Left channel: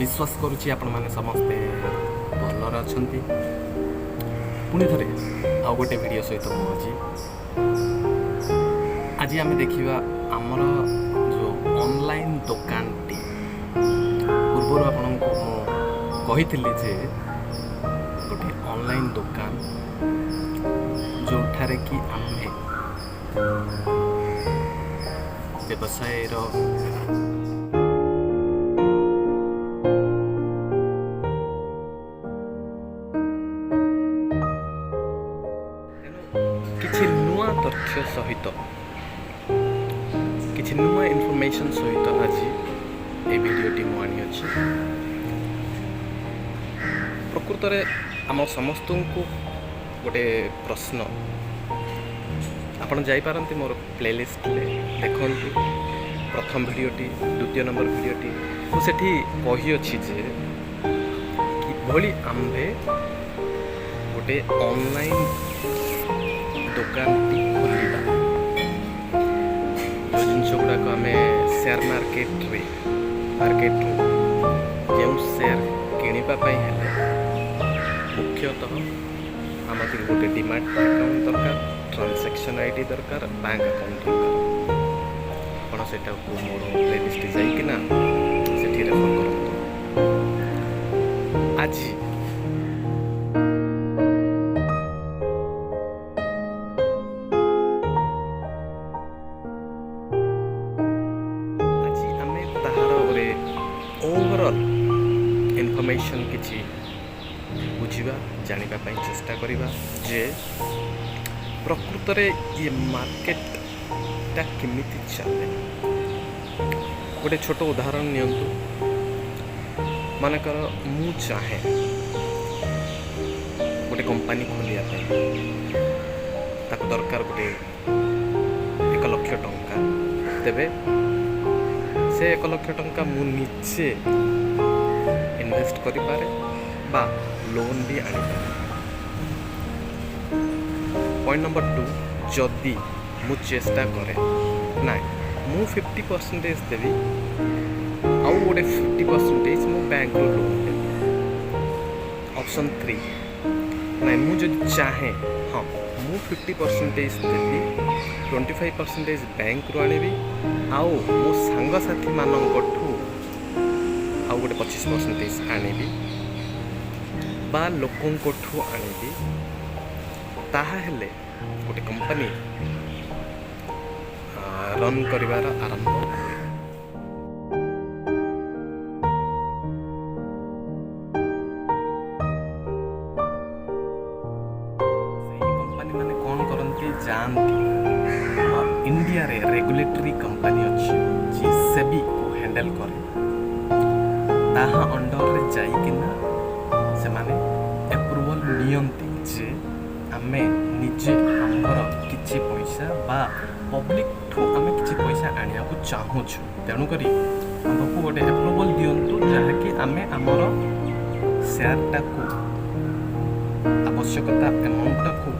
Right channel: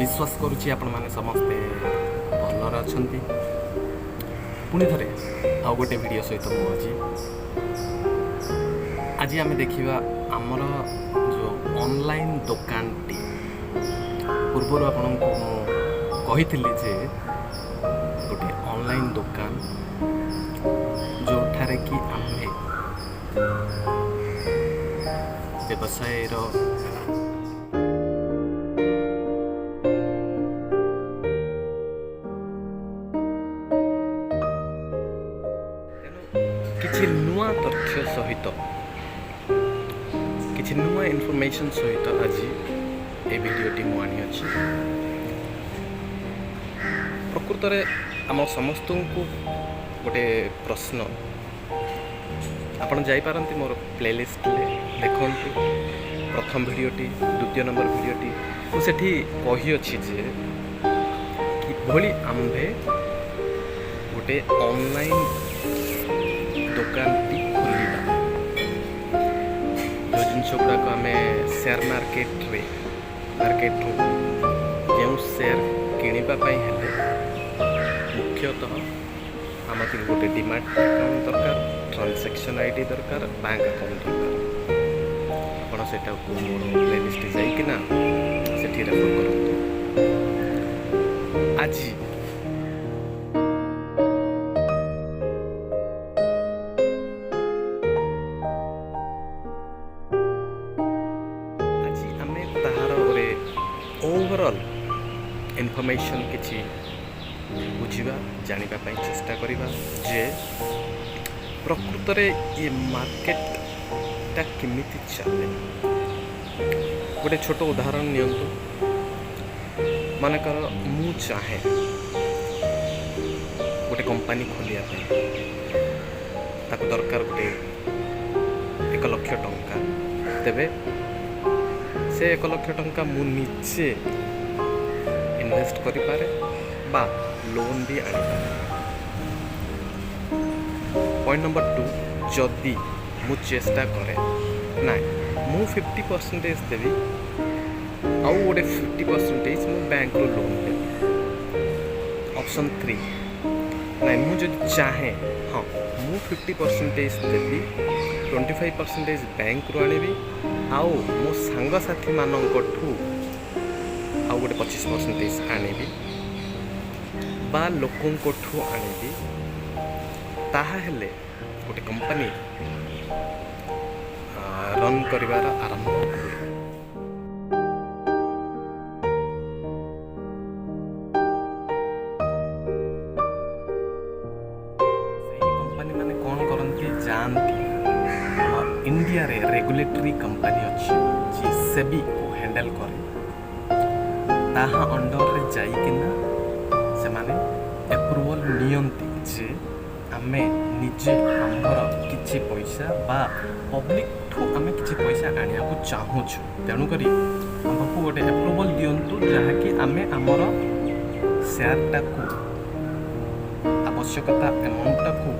विश्वास करुच्ची आपण मैंने समस्ते भलर अच्छा पुणी थे आउ गोटे वीडियो सहित मुझे आज आम देखा आमर जो ऑनलाइन दुकान टी पूर्वर आपण को कही जे गोटे ऑनलाइन दुकान जो ठारे कि आमे व्यवसाय किछि नुआ तथ्य सहित किछि नुआ इनफॉरमेशन सहित आज ए वीडियोटी मु आनी अछि। प्रकृत रे आम समस्त को गोटे प्रश्न आपण जाई पारंती मोर प्लेलिस्ट ले देखंतु प्रथम वीडियोटी द्वितीय नंबर वीडियोटी मु सेठी कहि अछि जे किभली आम्भे गोटे ऑनलाइन दुकान टी खोलिबा जो जिनस गुड़ाक आम शेयर मार्केट जो शेयर किणापी हेले मुख्यतः आमक गोटे डिमाट अकाउंट दरकार, ट्रांजैक्शन आईडी दरकार, बैंक अकाउंट दरकार। आपण सेटा को मोर प्लेलिस्ट जाइकिना सेठी रेफर करंतु। आज ताहार ओरे ओवरऑल इनफॉरमेशन किछि बुझिबा जानिबा पई चेष्टा करिबा जे प्रकृत रे ये मार्केट ता केमिति चले। गोटे छोट उदाहरण नियंतु मानकर मु चाहे गोटे कंपनी खोलिया पई ताको दरकार गोटे 1 लाख टंका तेबे से 1 लाख टंका मु निजे इन्वेस्ट करि पारे बा लोन भी आनी पारे। पॉइंट नंबर 2 जदि मु चेष्टा करे ना मु 50% देवी आउ गोटे 50% मु बैंक रो लोन देवी। ऑप्शन 3 ना मु जदि चाहे हाँ मु 50% देवी 25% बैंक रो आनिबी आउ मो सांग साथी मानकठू आउ गोटे 25% आनिबी बा लोकंकठू आनिबी ताहा हेले गोटे कंपनी रन करिवार आरंभ हुए। सही कंपनी माने कौन करंती जानती इंडिया रे रेगुलेटरी कंपनी अच्छी जी सेबी को हैंडल करे ताहा अंडर रे जाई किना से माने अप्रूवल नियंती जे आमे निजे आमर किछि पैसा बा पब्लिक ठू आमे किछि पैसा आनिया को चाहू छु तेणु करी हमको गोटे अप्रूवल दियंतु जहा कि आमे आमर शेयर टा को आवश्यकता अमाउंट को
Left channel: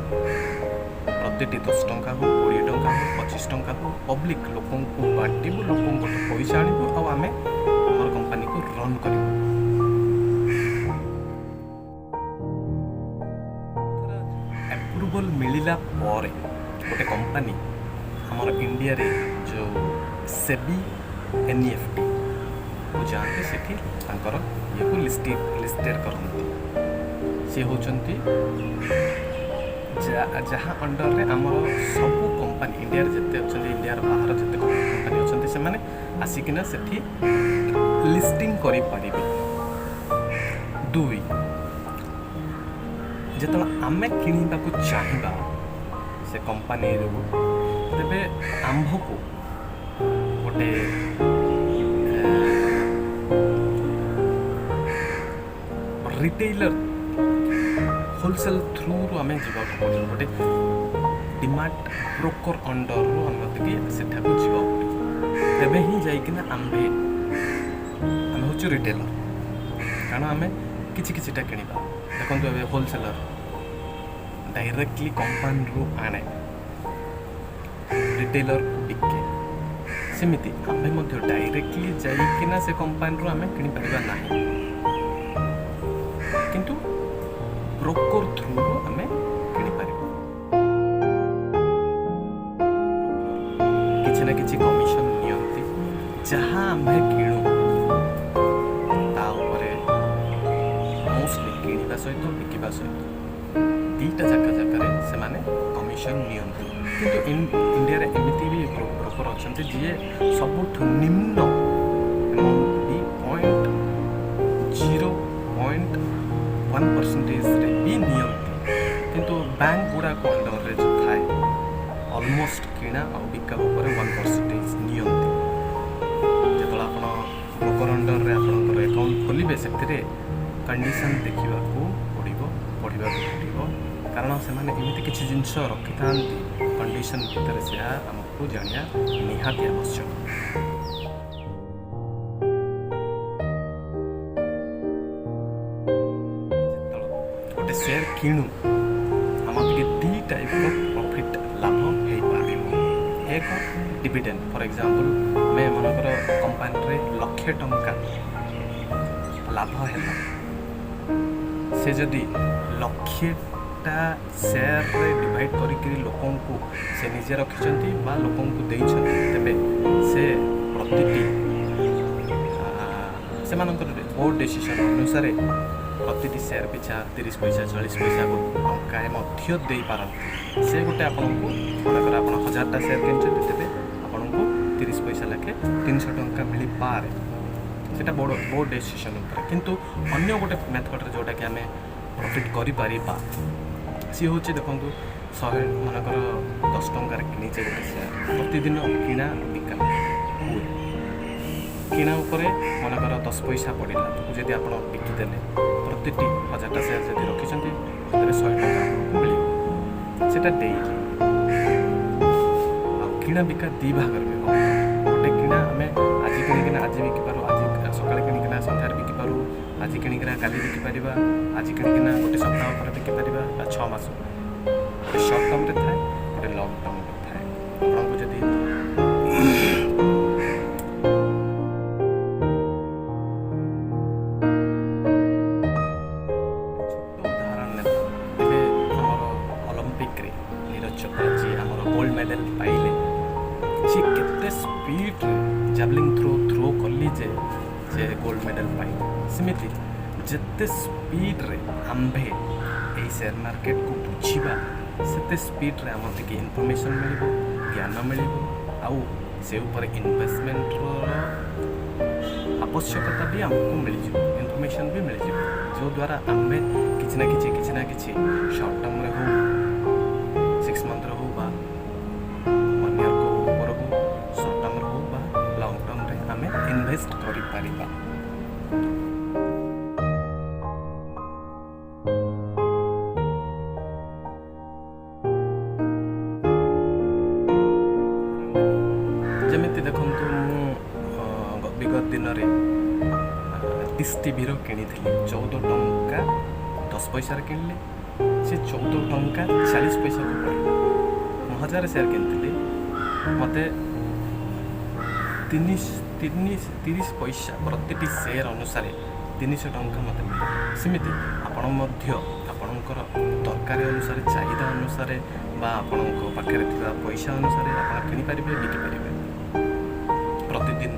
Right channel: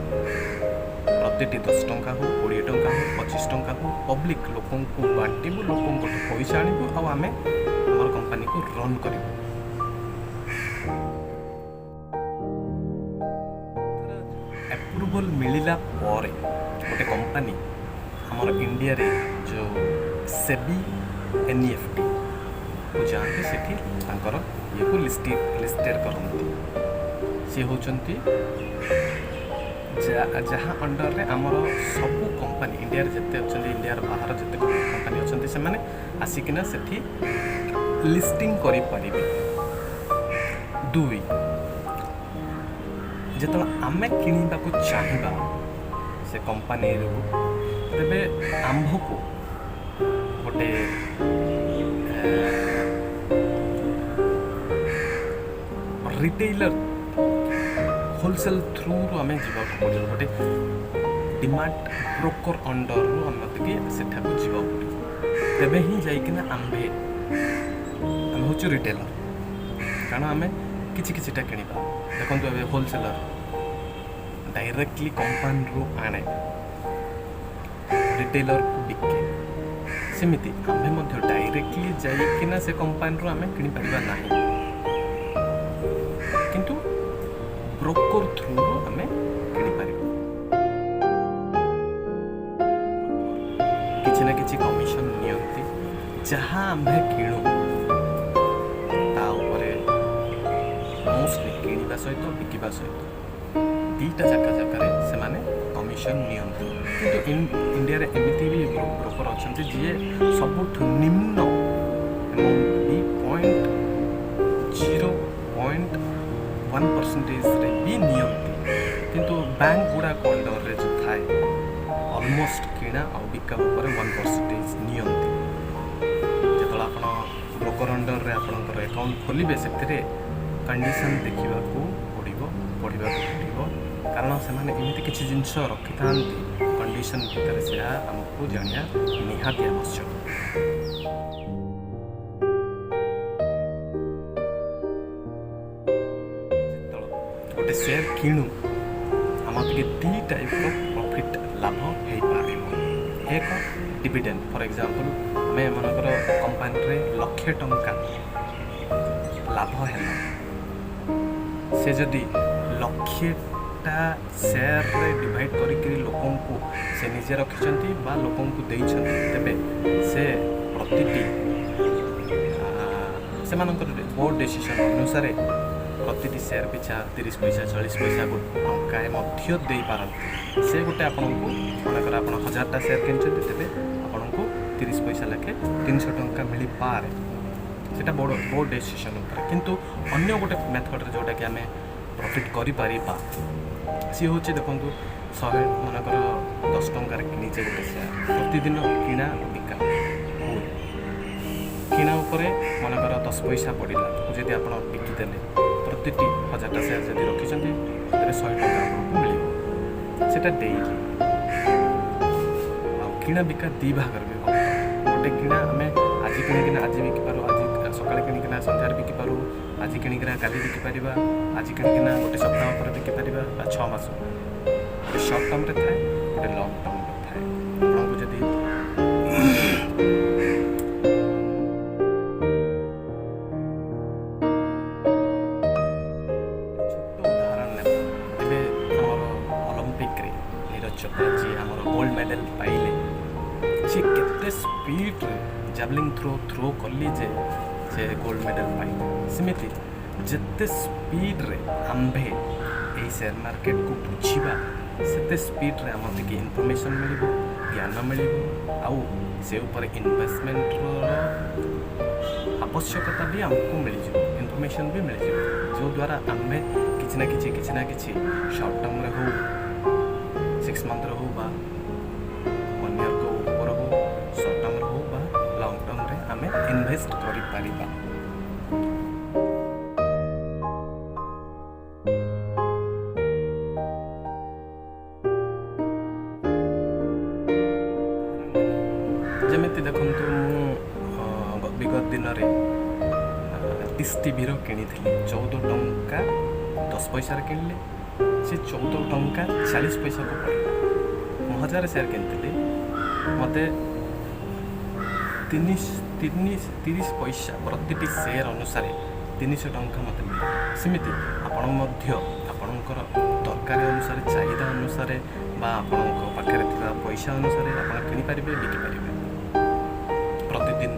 प्रति 10 टंका हो 20 टंका हो 25 टंका हो पब्लिक लोकों को बांटिबु लोकों को पैसा आनिबु आ आमे हमर कंपनी को रन करिबु। अप्रूवल मिलिला परे गोटे कंपनी हमर इंडिया रे जो सेबी एनईएफटी को जानते सेठी तांकर ये को लिस्टेड करंती से होचंती जहाँ अंडर रे आमर सबू कंपनी इंडिया रे जते अछन इंडिया रे बाहर जते कंपनी अछन से माने आसिकिना सेठी लिस्टिंग करि परिबे। 2 जेतला आमे किनिबा को चाहिबा से कंपनी रो तबे आंभ को गोटे रिटेलर होलसेल थ्रू रो आमे जीवा को पड़े गोटे डिमाट ब्रोकर अंडर रो आमे के सेठा को जीवा पड़े तबे ही जाई किना आमे होचु रिटेलर कारण आमे किछि किछिटा किनिबा देखंतु ए होलसेलर डायरेक्टली कंपनी रो आने रिटेलर को बिके सेमिति आमे मध्य डायरेक्टली जाई किना से कंपनी रो आमे किनि परिबा नाही। किंतु ब्रोकर थ्रू आम किपर किसी ना कि कमिशन नियंती जहाँ आम किणु मोस्टली किणवा सहित बिकवा सहित दीटा जगह से कमिशन नियंती किंतु इंडिया रे एमती भी ब्रोकर अच्छा जी सबुठ निम्न अमाउंट भी 0.1% भी नियंती किंतु बैंक गुड़ाक अंडर रे जो थाए ऑलमोस्ट किणा और बिका उपर 1% नियंती जो आप ब्रोकर अंडर रे आपनकर अकाउंट खोलिबे से कंडीशन देखा पड़ो पढ़ा पड़ो कारण से एमती किसी जिनस रखि था कंडीशन भितर से आमको जानिया निहाती आवश्यक। गोटे शेयर किणु आम दी टाइप प्रॉफिट लाभ हो पार एक डिविडेंड फॉर एग्जांपल आम मनकर कंपनी लक्षे टंका लाभ है से जदि लक्षेटा शेयर रे डिवाइड करी लोकन को से निजे रखिंट बा लोकन को देइछंती तेबे से प्रतिटी से बोर्ड डिसीजन अनुसार प्रतिटी शेयर पिछा 30 पैसा 40 पैसा टंका मध्य दे पारती से गोटे आपन को मनकर आप 1000टा शेयर किनछंती तेबे आपन को 30 पैसा लेखे 300 टंका मिली पारे सेटा बोर्ड डिसीजन उपर किंतु अन्य गोटे मेथड जोटा कि आम प्रॉफिट करि परिबा सी हूँ देखो 100 मनकर 10 टंकार किनीचे गोटे शेयर प्रतिदिन किणा बिका हुए किणा उपरे मनकर 10 पैसा पड़ला जदि आप बिकिदेले प्रतिटी 1000टा शेयर जदि रखिंट तेरे 100 टंका आपको मिल सेटा डेली किणा बिका दी भाग भी गोटे किणा आम आज किणिकिना आज बिकिपारू आज सकाଳେ किणिकिना संध्यारे बिकिपारू आज किणिकिना काली बिकिपार आज किणिकिना गोटे सप्ताह पर बिकिपार 6 मास गोटे सर्ट टर्म थाए गोटे लंग टर्म थाए आपको जदि छोट उदाहरण ने तेरे आमर ओलंपिक रे नीरज चोपड़ा जी आमर गोल्ड मेडल पाइले सी केते स्पीड जैवलिन थ्रो कली जे गोल्ड मेडल पाई सेमती जिते स्पीड रे आंभे यही शेयर मार्केट को बुझा सेते स्पीड रे आम टे इनफॉरमेशन मिल ज्ञान मिल आउ से ऊपर इन्वेस्टमेंट आवश्यकता भी आमको मिल इनफॉरमेशन भी मिल जो द्वारा आंभे किसी ना कि शॉर्ट टर्म रे हो 6 मंथ रे हो बा 1 ईयर को ऊपर हो शॉर्ट टर्म रे हो बा लॉन्ग टर्म रे आमे इन्वेस्ट करि परिबा। जमिति देखंतु मु विगत दिन रे डिश टीवी रो किनी थिली 14 टंका 10 पैसा रे किनले से 14 टंका 40 पैसा को पड़ला 1000 शेयर किनथिली मते 30 पैसा प्रतिटी शेयर अनुसार 300 टंका मत मिले सेमिति आपण आपणकर दरकार अनुसार चाहिदा अनुसार बा आपण पाखे थिबा पैसा अनुसार आप किनी पारिबे बिकी पारिबे प्रतिदिन।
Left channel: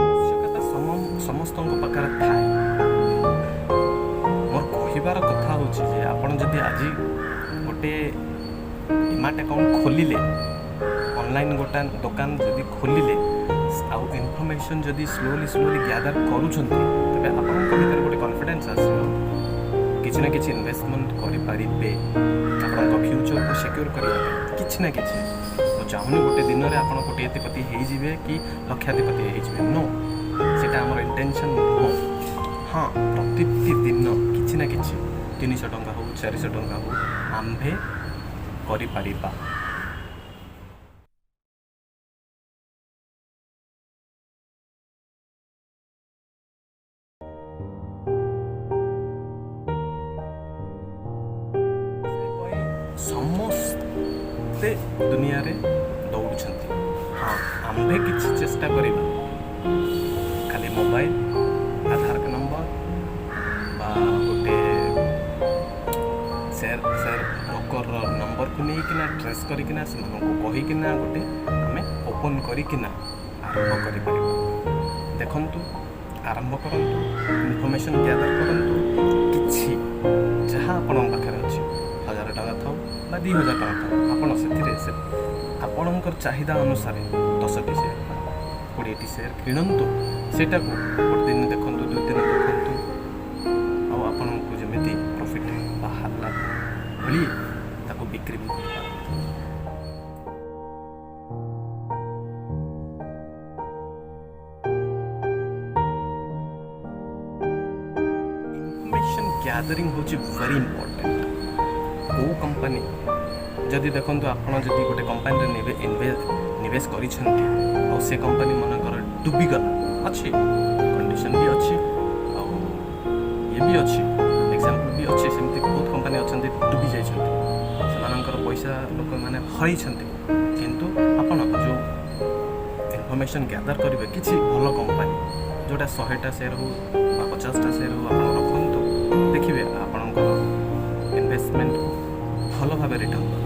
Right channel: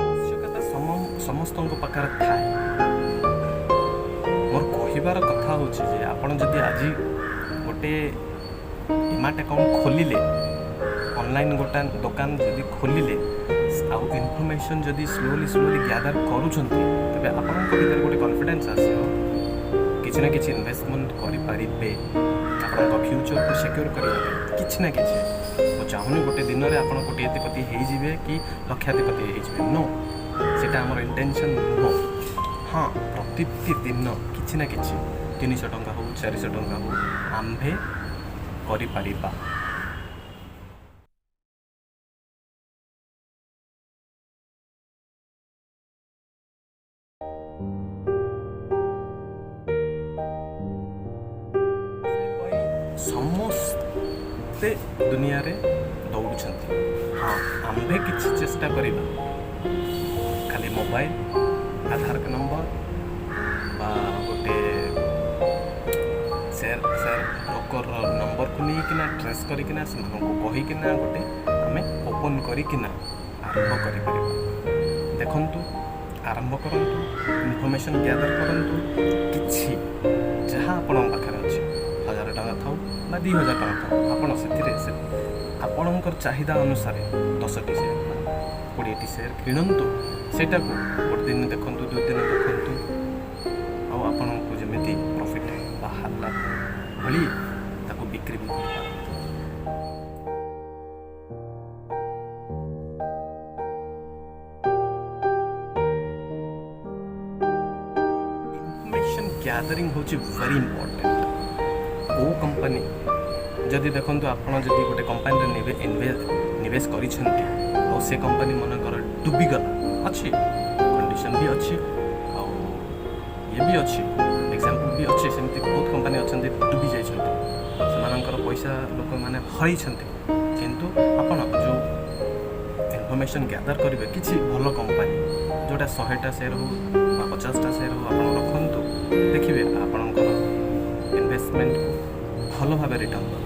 आवश्यकता समस्त पाखे थाए मोर कहबार कथा हूँ जे आपन जदि आज गोटे डीमार्ट अकाउंट खोलिले ऑनलाइन गोटा दुकान जदि खोलिले आउ इनफॉरमेशन जदि स्लोली गैदर करूछंती तबे आपनक भीतर गोटे कॉन्फिडेंस आसीबो किछि ना किछि इन्वेस्टमेंट करि पारिबे आपनक फ्यूचर को सिक्योर करिया किछि ना किछि मो चाहुनी गोटे दिन रे आपन कोटिपति हेइ जिवे कि लक्षाधिपति हेइ जिवे नो सेटा हमर इंटेंशन नुह हाँ प्रति दिन किछि ना किछि 300 टंका हो 400 टंका हो आंभे करि पारिबा। समस्ते दुनिया रे ଦୌଡ଼ୁଛନ୍ତି। ହଁ, ଆମ୍ଭେ କିଛି ଚେଷ୍ଟା କରିବା, ଖାଲି ମୋବାଇଲ, ଆଧାର ନମ୍ବର ବା ଗୋଟେ ସେୟାର ବ୍ରୋକରର ନମ୍ବରକୁ ନେଇକିନା ଟ୍ରେସ୍ କରିକିନା ସେମାନଙ୍କୁ କହିକିନା ଗୋଟେ ଆମେ ଓପନ୍ କରିକିନା ଆରମ୍ଭ କରିପାରିବା। ଦେଖନ୍ତୁ, ଆରମ୍ଭ କରନ୍ତୁ, ଇନଫର୍ମେସନ୍ ଗ୍ୟାଦର କରନ୍ତୁ। କିଛି ଯାହା ଆପଣଙ୍କ ପାଖରେ ଅଛି, 1000 ଟଙ୍କା ଥାଉ ବା 2000 ଟଙ୍କା ଥାଉ, ଆପଣ ସେଥିରେ ଆପଣଙ୍କର ଚାହିଦା ଅନୁସାରେ 10ଟି ସେୟାର ବା 20ଟି ସେୟାର କିଣନ୍ତୁ। ସେଇଟାକୁ ଗୋଟେ ଦିନ ଦେଖନ୍ତୁ, 2 ଦିନ ଦେଖନ୍ତୁ, ଆଉ ଆପଣଙ୍କୁ ଯେମିତି ପ୍ରଫିଟ୍ ବାହାରିଲା ଭଳି ତାକୁ ବିକ୍ରି ବି କରିପାରନ୍ତି। ଇନଫର୍ମେସନ୍ ଗ୍ୟାଦରିଂ ହେଉଛି ଭେରି ଇମ୍ପୋର୍ଟାଣ୍ଟ। କେଉଁ କମ୍ପାନୀ ଯଦି ଦେଖନ୍ତୁ, ଆପଣ ଯଦି ଗୋଟେ କମ୍ପାନୀରେ ନିବେଶ କରିଛନ୍ତି ଆଉ ସେ କମ୍ପାନୀ ମନେକର ଡୁବିଗଲା, ଅଛି କଣ୍ଡିସନ୍ ବି ଅଛି ଆଉ ଇଏ ବି ଅଛି, ଏକ୍ଜାମ୍ପଲ୍ ବି ଅଛି, ସେମିତି ବହୁତ କମ୍ପାନୀ ଅଛନ୍ତି ଡୁବି ଯାଇଛନ୍ତି, ସେମାନଙ୍କର ପଇସା ଲୋକମାନେ ହରାଇଛନ୍ତି। କିନ୍ତୁ ଆପଣ ଯେଉଁ ଇନଫର୍ମେସନ୍ ଗ୍ୟାଦର କରିବେ, କିଛି ଭଲ କମ୍ପାନୀ ଯେଉଁଟା 100ଟା ସେୟାର ହେଉ ବା 50ଟା ସେୟାର ହେଉ ଆପଣ ରଖନ୍ତୁ, ଦେଖିବେ ଆପଣଙ୍କର ଇନଭେଷ୍ଟମେଣ୍ଟକୁ ଭଲ ଭାବେ ରିଟର୍ଣ୍ଣ ଦେବ।